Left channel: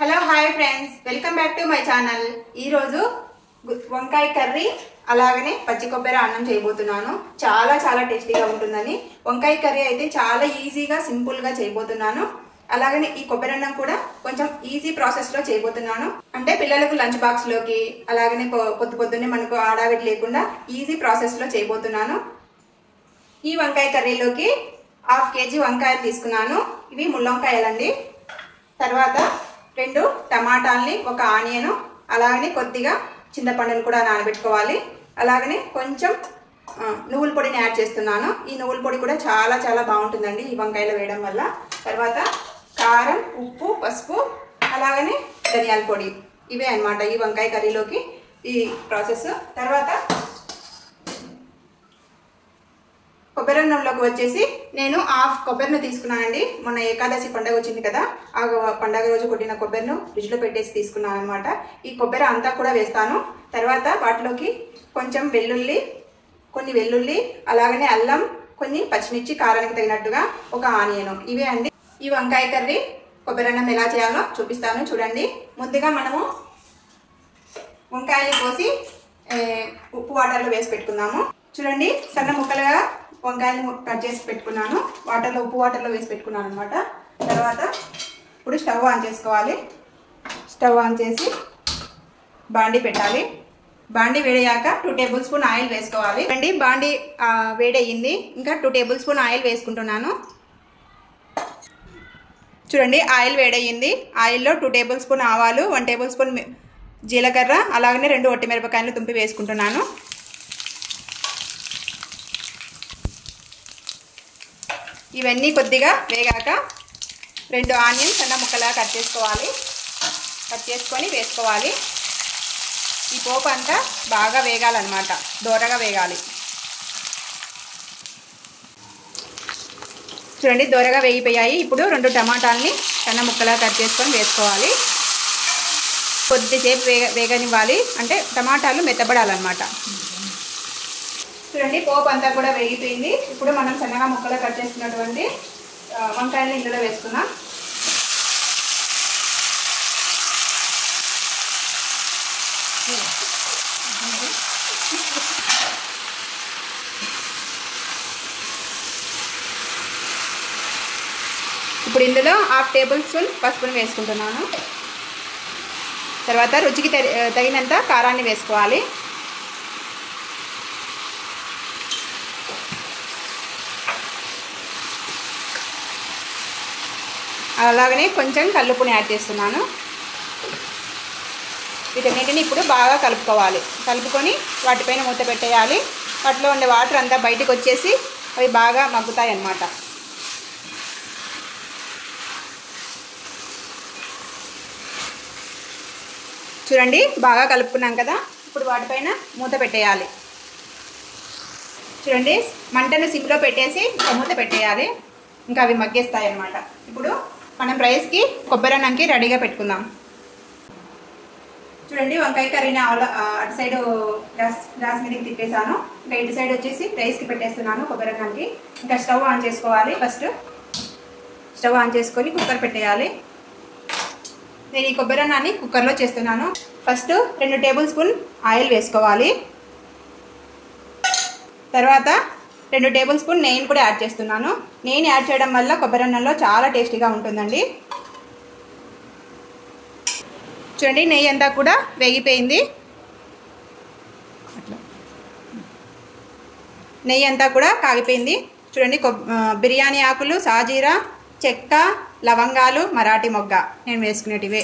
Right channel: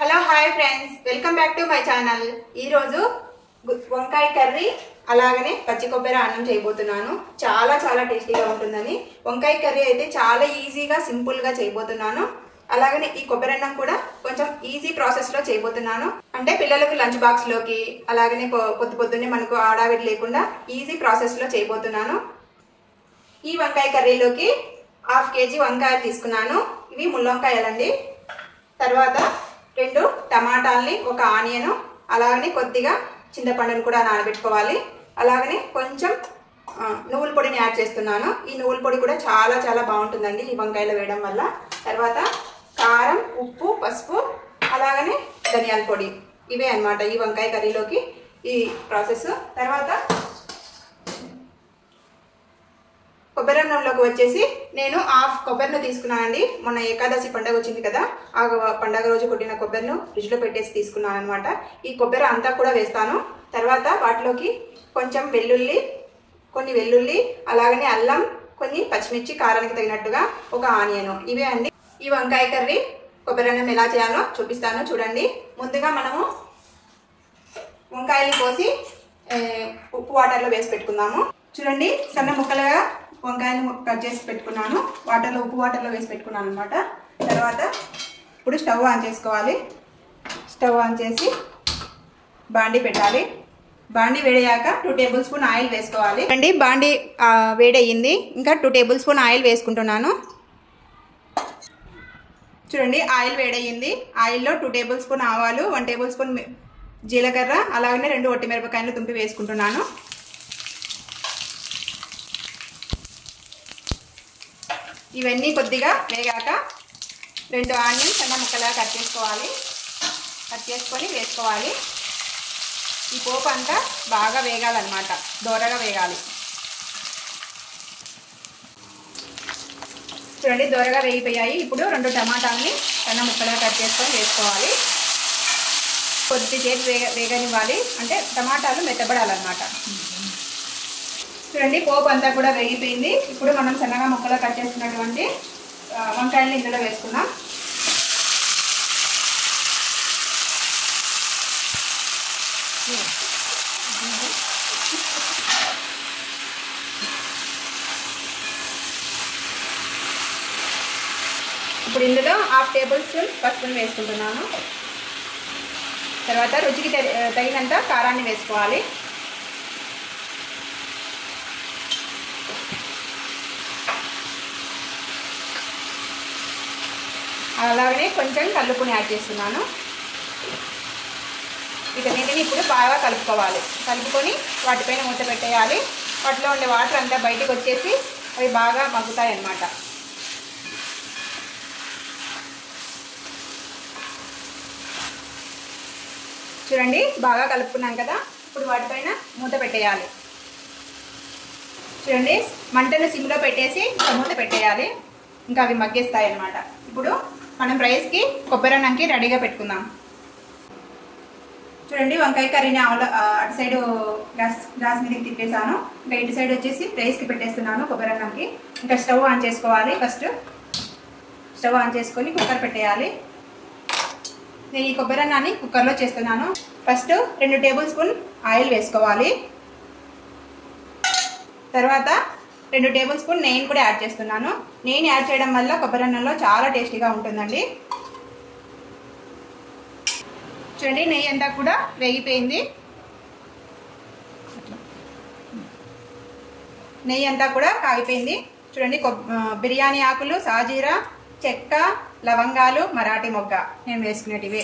Hello hi friends, welcome back to my channel. ఈరోజు వంకాయ curry అలాగనే పచ్చి కొబ్బరి అన్నం చేయబోతున్నాను. చాలా చాలా టేస్టీగా ఉంటుందని. వంకాయ కర్రీ అయితే చాలా ఈజీగా సింపుల్గా చేయబోతున్నాను. అలాగనే ఈ కొబ్బరి అన్నం కూడా కొంచెం ఈజీ ప్రాసెస్లో చేయబోతున్నాను. అంటే పిల్లలకు లంచ్ బాక్స్లోకి అలాగనే పొద్దున్నే మనకు ఆడావిడి లేకుండా ఈజీ ప్రాసెస్లో చేయబోతున్నాను. ఈ వంకాయ కర్రీలోకి 1/2 kg వంకాయలు తీసుకున్నాను. ఇవి ముళ్ళొంకాయలండి. తర్వాత 2 టమాటాలని, 1 ఆనియన్, అలాగనే కొద్దిగా చింతపండును కూడా నానబెట్టుకోవాలి. అలాగనే కొంచెం నువ్వుల పొడిని యాడ్ చేస్తున్నాను. ఈ నువ్వుల పొడి కూడా చాలా చాలా బాగుంటుందండి ఈ వంకాయలో వేయడం వల్ల. తర్వాత కారం, ఉప్పు, పసుపు, అలాగనే ధనియాల పొడి. ఇవే అన్నమాట ఈ వంకాయ కర్రీలోకి ఈ ప్రాసెస్. తర్వాత కొబ్బరి అన్నంలోకి వచ్చేసి నేను 1/2 కొబ్బరిని తీసుకున్నానండి. మొన్న ఏకాదశి పండుగ వచ్చింది కదా, ఆ పండుగ రోజు కొట్టిన కొబ్బరిని ఫ్రిడ్జ్లో పెట్టేసి తీసుకున్నాను అనమాట. ఈ కొబ్బరి అంతా కూడా వేస్తాను. తర్వాత వాటిలోకి కొంచెం కొన్ని వెల్లుల్లి, అలాగనే అల్లం, కొన్ని పచ్చిమిర్చి, కారానికి తగినట్టుగా 1 ఆనియన్. ఇవే అండి ఈ వంకాయ కర్రీ. కొబ్బరి అన్నం ఎలా చేయాలో చూపిస్తాను చూడండి. ముందుగా మనము వంకాయలు కోసి ఉప్పు వాటర్లో వేసి పెట్టుకుందాము. చూడండి, సన్న ముక్కలుగా వంకాయలు కట్ చేసి పెట్టుకున్నాను. ఉప్పు వాటర్లో వేసి పెట్టుకున్నాను అనమాట. తర్వాత ఇప్పుడు స్టవ్ ఆన్ చేసుకోవాలి. స్టవ్ ఆన్ చేసి బాండీ పెట్టాలి. బాండీ వేడయ్యాక 2 టేబుల్ స్పూన్ ఆయిల్ వేసుకోవాలి. అండి బాండీ వేడయ్యింది. ఇంకా 2 టేబుల్ స్పూన్ ఆయిల్ వేసుకుంటున్నాను. చూడండి, ఆయిల్ వేడయ్యింది. ఆయిల్లో 2 టేబుల్ స్పూన్ ఆవాలు, 1 టేబుల్ స్పూన్ జీలకర్ర, అలాగనే 2 ఒట్టి మిరపకాయలు తుంపి వేసుకుంటున్నాను. ఇవన్నీ కొద్దిగా వేగాక 2 ఆనియన్స్ సన్న ముక్కలా కట్ చేసుకొని వేసుకోవాలి. ఈ పోపు అంతా బాగా వేగాలన్నమాట, దోరగా వేగాలి. చూడండి, దోరగా వేగిపోయాయి. ఇప్పుడు 2 టమాటాలని సన్న ముక్కలా కట్ చేసుకొని వేసుకోవాలి. కొద్దిసేపు వేగనివ్వాలి, అంటే టమాటాలు మెత్తబడాలన్నమాట. చూడండి, పోపు అంతా కూడా వేగిపోయింది. ఇప్పుడు మనం సన్నగా ముక్కలు కట్ చేసుకున్నటువంటి వంకాయలను ఇందులో వేసుకుందాం. ఇప్పుడు ఇందులో 1/2 టేబుల్ స్పూన్ పసుపుని వేసుకుంటున్నాను. తర్వాత రుచికి తగినంత కారాన్ని వేసుకోవాలి. అలాగనే కొంచెం కల్లుపుని యాడ్ చేస్తున్నాను. వీటన్నిటిని ఇప్పుడు బాగా కలుపుకోవాలి. కలుపుకొని వాటిపైన మూత పెట్టేయాలి. వాటిలో ఉండే వాటర్ అంతా బయటకు వచ్చేసి అవి బాగా మగ్గుతాయి అన్నమాట. చూడండి, బాగా కలుపుకున్నాం కదా. ఇప్పుడు వాటిపైన మూత పెట్టేయాలి. చూడండి, మంటను సిమ్లో పెట్టేసి మూత పెట్టేయాలి. ఇంకా అవి మగ్గేస్తాయి అన్నమాట. ఇప్పుడు మనం రైస్కి కొబ్బరి అన్నంకి రెడీగా పెట్టుకుందాం. చూడండి, వంకాయ కర్రీని అటు సైడ్ గ్యాస్ మీదకి తిప్పేసాను. ఇంకా ఇటు సైడ్ వచ్చేసి రైస్కి పెట్టేస్తున్నాను కొబ్బరి అన్నంకి. ఇంకా స్టవ్ ఆన్ చేసుకోవాలి. ఫస్ట్ స్టవ్ ఆన్ చేసుకొని కుక్కర్ పెట్టేయాలి. నేను ఈ కొబ్బరి అన్నాన్ని కుక్కర్లో చేస్తున్నాను. ఫస్ట్ 2 టేబుల్ స్పూన్ ఆయిల్ వేసుకోవాలి. తర్వాత 2 టేబుల్ స్పూన్ నెయ్యిని కూడా యాడ్ చేస్తున్నాను. నెయ్యిని యాడ్ చేయడం వల్ల కొబ్బరి అన్నంలో చాలా టేస్టీగా ఉంటుందండి. చూడండి, నెయ్యి అంతా కూడా వేగిపోయింది. నెయ్యి అంతా కూడా కాగిపోయింది. చూడండి, బిర్యానీ ఆకులు, సాజీరా, చెక్క, లవంగాలు, మరాఠీ మొగ్గ నేను వేసుకునేటివే.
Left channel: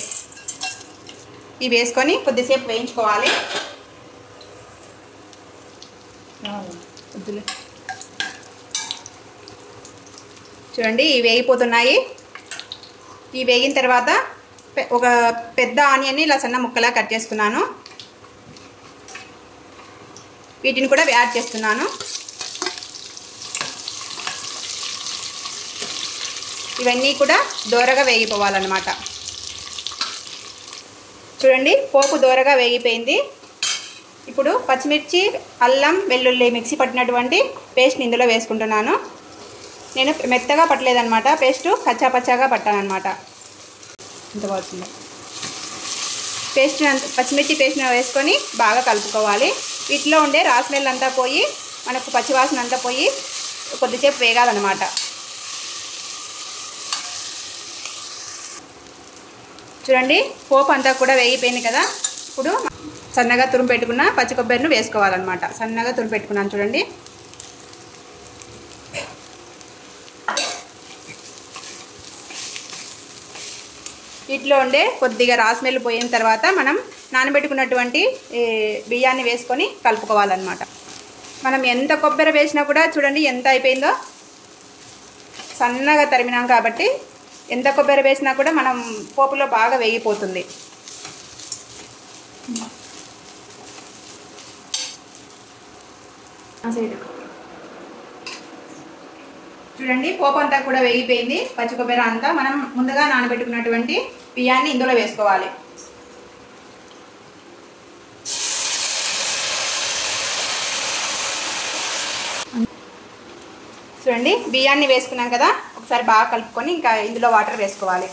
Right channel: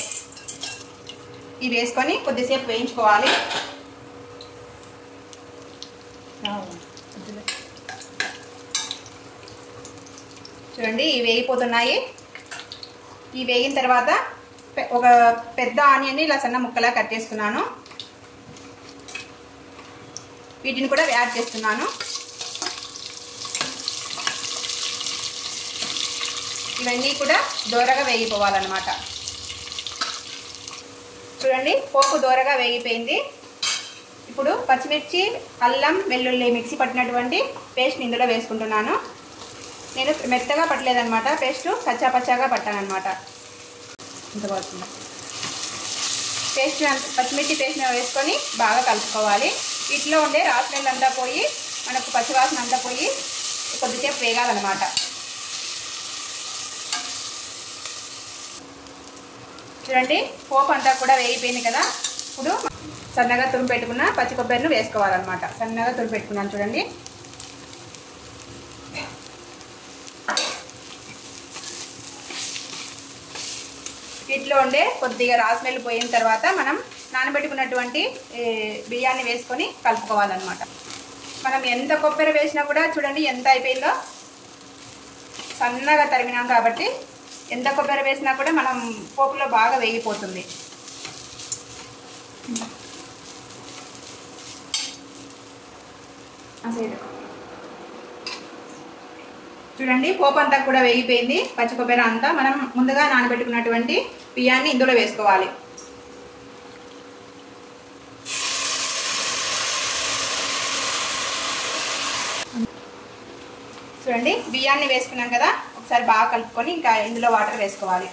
ఇవి వేసుకొని కొద్దిసేపు వేయించుకోవాలి. చూడండి, ఇవి వేగిపోతున్నాయి. ఇవి వేగిన తర్వాత ఒక పెద్ద ఆనియన్ని ఇలా సన్న ముక్కలా కట్ చేసుకున్నాను. వీటిని కూడా యాడ్ చేస్తున్నాను. ఇవన్నీ కూడా దోరగా వేగిపోవాలన్నమాట. చూడండి, పోపు దోరగా వేగిపోయింది. ఇప్పుడు పచ్చిమిర్చి, అల్లం, వెల్లుల్లి మిక్సీ పట్టినటువంటి పేస్ట్ని ఇందులో వేసుకుంటున్నాను. నేను మెత్తగా పట్టలేదన్నమాట, పేస్ట్ కచ్చాపచ్చాగా పట్టానన్నమాట. ఇంత బాగుంది. పేస్ట్ పచ్చిమిర్చి పేస్ట్ వేసుకొని బాగా కలుపుకోవాలి. వీటిలో ఉండే రాస్మెల్ అంతా పోయి మనకు పచ్చివాసన అంతా పోయి కొద్దిసేపు వేగాలన్నమాట. చూడండి పోపు అంతా కూడా వేగిపోయింది కదా. ఇప్పుడు సన్నగా తురుము పెట్టుకున్న పచ్చి కొబ్బరిని వేసుకోవాలన్నమాట. సన్నగా తురుము పెట్టుకున్నాను చూడండి. వీటిలో ఉండే కొద్దిగా రాస్మెల్ పోయిన తర్వాత మనం నానబెట్టుకున్నటువంటి బియ్యాన్ని వేసుకొని కలుపుకోవాలన్నమాట. మనం ఎంత కొబ్బరి వేసినా కూడా చూడండి ఎంత అయిపోయిందో. సన్నగా తరిమినాం కాబట్టి ఎంత కొబ్బరి వేసినా కూడా మనం పోపులో బాగా వేగిపోతుంది. చూడండి పోపు అంతా కూడా వేగిపోయింది. పచ్చి కొబ్బరి అంతా మనం ముందుగా నానబెట్టుకున్నటువంటి బియ్యాన్ని ఇందులో వేసుకోవాలి. చూడండి బియ్యాన్ని వేసుకున్నాం కదా. ఒకసారి బాగా కలుపుకొని ఇంకా ఇందులో వాటర్ వేసుకోవాలి.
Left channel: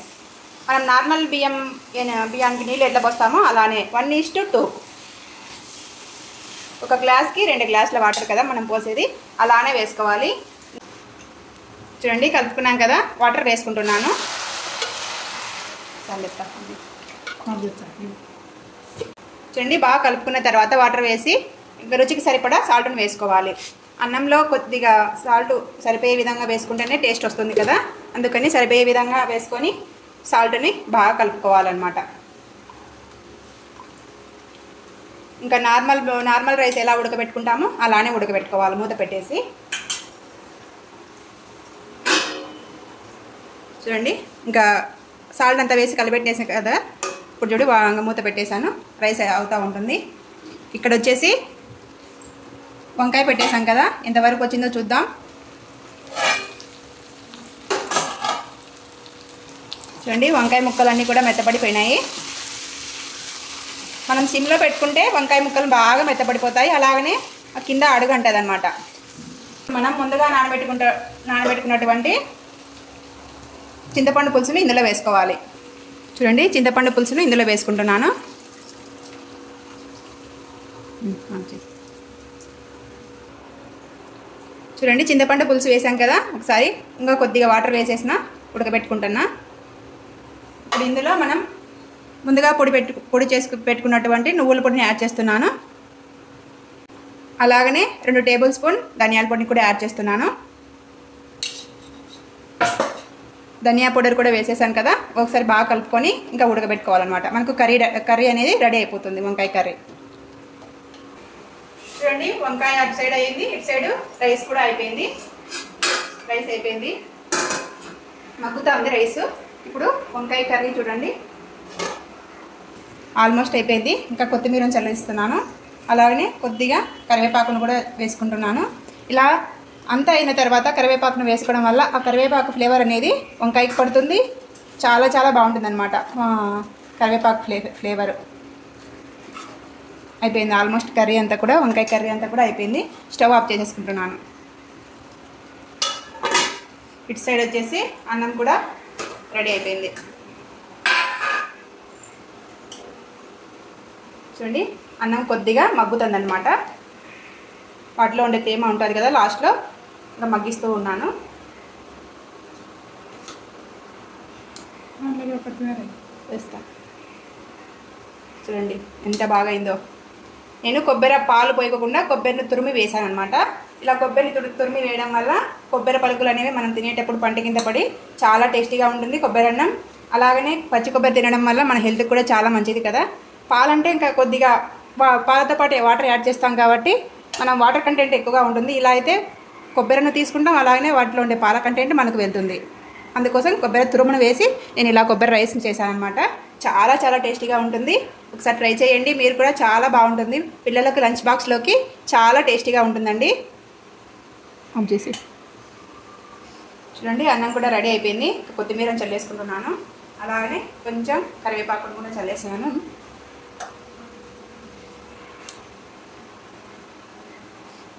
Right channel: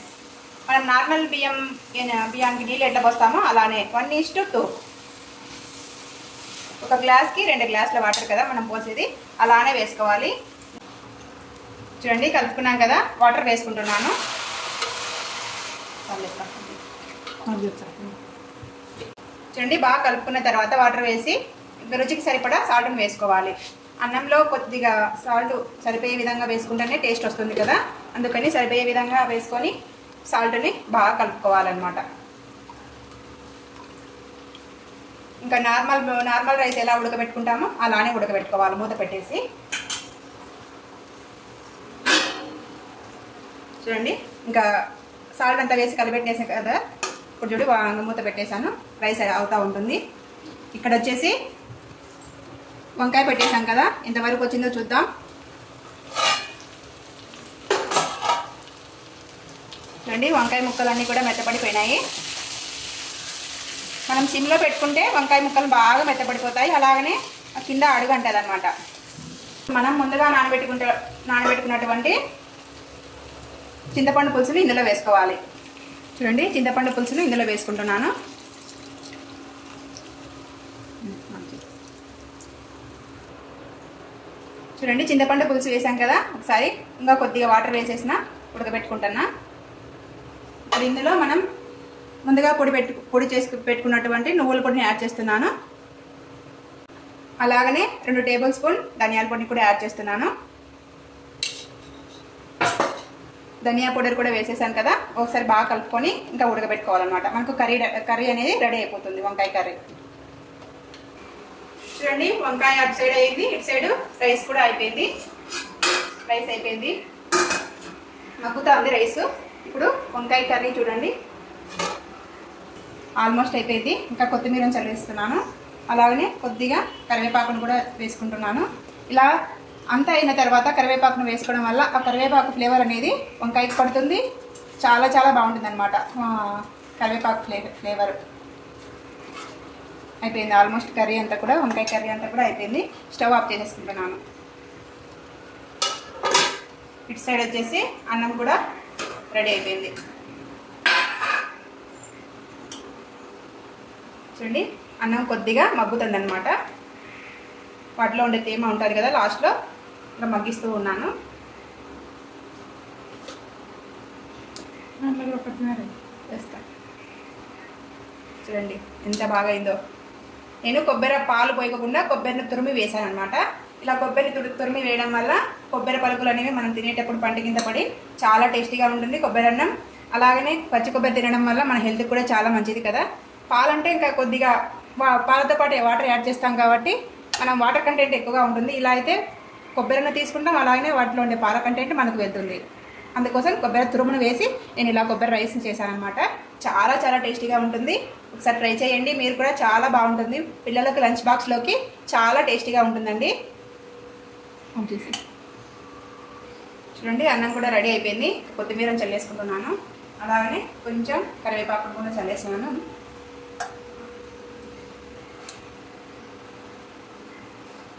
మనం నార్మల్ బియ్యానికి నీళ్ళు ఎట్లా పోస్తామో అలానే 1:2. ఒక గ్లాస్కి 2 గ్లాసుల వాటర్ కదా మనం పోసేది, అలానే వేసుకోవాలి. చూడండి కలుపుకున్నాం కదా. వాటర్ వేసుకుంటున్నాను. చూడండి బాగా కలుపుకున్న తర్వాత వాటర్ వేసి రుచికి సరిపడా సాల్ట్ని వేసుకోవాలి. అన్నంలో కొద్దిగా సాల్ట్ సరిపోయే విధంగా వేసుకుంటేనే టేస్ట్ వస్తుంది కదా. అందుకని సరిపోయే విధంగా వేసుకొని సాల్ట్ని బాగా కలుపుకోవాలన్నమాట. ఇంకా నార్మల్ రైస్ ఎలా ఉడకబెట్టుకుంటామో అలానే ఉడకబెట్టుకోవాలి మూత పెట్టేసి. చూడండి ఇంకా సాల్ట్ అంతా వేసి కలిపెట్టేసాను కదా. ఇప్పుడు చూడు మూత పెట్టేశాను. రైస్ అవుతూ ఉంటుంది. ఇక్కడ వచ్చేసి వంకాయ పెట్టేసాం కదా. ఎంతవరకు వచ్చిందో చూద్దాం. చూడండి వంకాయ ముక్కలన్నీ కూడా మెత్తపడిపోయినాయి. మనం సిమ్లో పెట్టుకుంటే వంకాయ ముక్కలు బాగా మెత్తపడిపోతాయి. అలాగనే కింద అడుగు అంటది అన్నమాట. మనం ముందుగా నానబెట్టుకున్నటువంటి చింతపండు పులుసుని ఇందులో వేసుకోవాలి. చూడండి చింతపండు పులుసుని ఇందులో వేసుకుంటున్నాను. చూడండి చింతపండు పులుసు వేసాం కదా. ఒకసారి ఇంకా కొద్దిగా వాటర్ వేసేసిన ఉడకబెట్టుకుంటున్నా. ఇప్పుడు ఇందులో మనం ముందుగా పొడి చేసి పెట్టుకున్నటువంటి నువ్వుల పొడిని యాడ్ చేస్తున్నాను. అలాగనే 2 టేబుల్ స్పూన్ ధనియాల పొడిని కూడా యాడ్ చేస్తున్నాను. ధనియా పౌడర్ కూడా వేసేసాం కదా. ఒకసారి బాగా కలుపుకొని ఇంకా ఉడకబెట్టుకోవాలన్నమాట. మనకు కర్రీ అనేది రెడీ అయిపోతుంది. వంకాయ కర్రీ చూడండి వంకాయ అటు సైడ్ అయ్యింది, ఇటు సైడ్ రైస్ కూడా అయిపోయింది. రైస్ అయిపోయింది, మగ్గుతా ఉంది రైస్. ఇప్పుడు వంకాయ కర్రీ చూడండి ఆల్మోస్ట్ అయిపోయింది. ఇంకా కొత్తిమీరని చల్లిస్తున్నాను. అలాగనే కొద్దిగా కరివేపాకును కూడా వేసుకుంటున్నాను. ఇలా అంతా అయిన తర్వాత కరివేపాకును వేసుకోవడం వల్ల ఆ కరివేపాకు ఫ్లేవర్ అనేది వంకాయకి పడుతుంది. చాలా చాలా బాగుంటుంది అనమాట కరివేపాకు ఫ్లేవర్. అయిపోయింది ఆల్మోస్ట్ కర్రీ అంతా కూడా, వంకాయ కర్రీ అంతా కూడా అయిపోయింది. స్టవ్ ఆఫ్ చేసేసుకుంటున్నాను. ఇటు సైడ్ వచ్చేసి అన్నం కూడా రెడీ అయిపోయింది. చూడండి అన్నం కొద్దిగా మగ్గుతుంది అనమాట. వాటిలో ఉండే తేమ ఉంటుంది కదా, లాస్ట్లో ఇంకా మగ్గిస్తూ ఉన్నాను. వేస్తా చూడండి ఎంత బాగా అయిందో. నేను కొబ్బరి పాలు పోయకుండా కొబ్బరిని తురిమి వేసాను అనమాట. ఇలా కొబ్బరిని తురిమి వేయడం వల్ల కొబ్బరి పలుకులు అనేవి మనం తినేటప్పుడు పంట కింద పడి చాలా టేస్టీగా ఉంటుంది కొబ్బరి అన్నం. అలాగనే పచ్చి కొబ్బరి తినడం వల్ల మన హెల్త్కి కూడా చాలా మంచిది కదా. పాలంటే ఇంకా కొద్దిగా పాలతో పాటు వాటర్ యాడ్ చేస్తాం కాబట్టి మనం వాటర్ కంటెంట్ ఎక్కువగా ఉంటుంది. ఇలా అయితే కొబ్బరిని తీసుకుంటాం, అలాగనే వాటిలో ఉండే పాల కంటెంట్ మనకు వెళ్తుంది. అందుకోసం కొబ్బరి తురుమును వేసి నేను ఇలా కొబ్బరి రైస్ చేశాను అనమాట. చాలా చాలా టేస్టీగా ఉంటుంది. ఒకసారి ట్రై చేయండి, మీరు కూడా చాలా బాగుంటుంది. పిల్లలకు లంచ్ బాక్స్లోకి చాలా టేస్టీగా ఉంటుందండి. చేసి చూడండి అన్నం కూడా రెడీ అయిపోయింది. కొత్తిమీరని చల్లేసుకుంటున్నాను. అలాగనే కొంచెం కరివేపాకును కూడా చల్లేస్తున్నాను.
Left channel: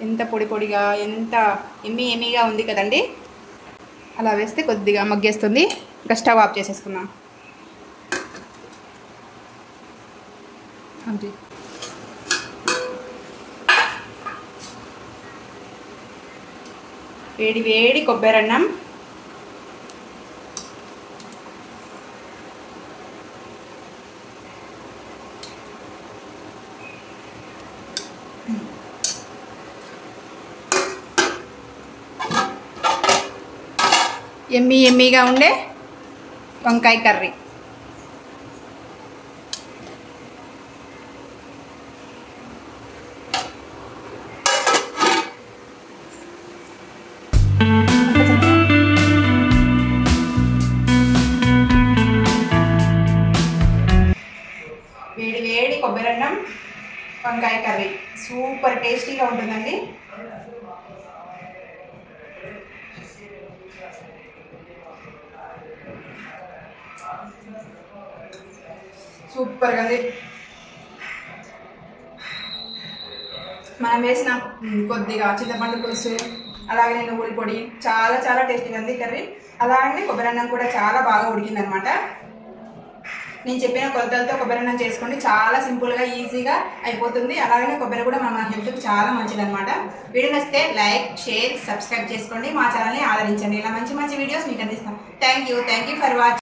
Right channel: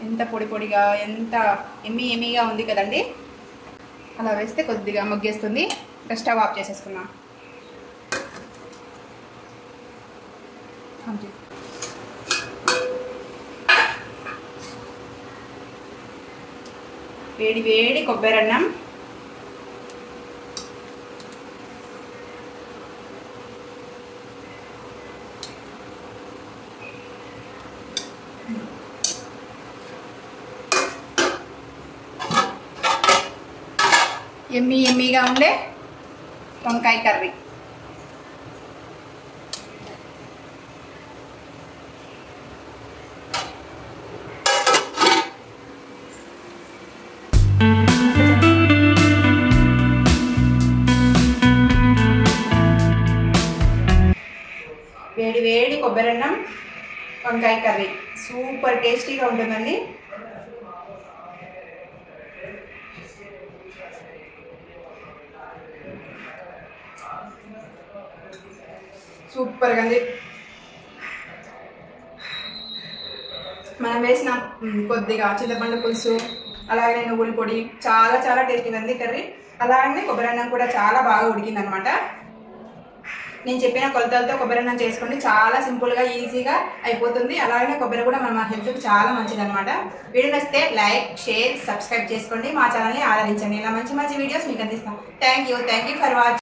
ఎంత పొడి పొడిగా ఎంత ఎమ్మీగా ఉంది కదండి. అలా వేస్తే కొద్దిగా మగ్గేస్తుంది. ఇంకా స్టవ్ ఆఫ్ చేసేసుకున్నాం. వేడి వేడి కొబ్బరి అన్నం, ఎమ్మీగా ఉండే వంకాయ కర్రీ. వేడి వేడి కొబ్బరి అన్నం, వంకాయ కర్రీ సూపర్ టేస్టీగా ఉంటుందండి. సూపర్గా ఉంది. మనం వేసిన కొద్దిగా చింతపండు పులుసు, అలాగే నువ్వుల పొడి, చాలా చాలా టేస్టీగా ఉంది కర్రీ. అలాగే కొబ్బరి అన్నం కూడా చాలా బాగా ఉడికిందనమాట. నేను చెప్పిన కొలతలతో కొబ్బరి అన్నం చేసుకోండి, చాలా సింపుల్గా ఈజీగా అయిపోతుంది. అలాగే కొబ్బరి కూడా మన హెల్త్కి చాలా మంచిది అనమాట. వీడియో నచ్చితే లైక్, షేర్, సబ్స్క్రైబ్ చేసుకోండి. మా ఛానల్ని ఆదరించండి. ఇలా మంచి మంచి వీడియోస్ మీకు అందిస్తాం. Thank you for watching.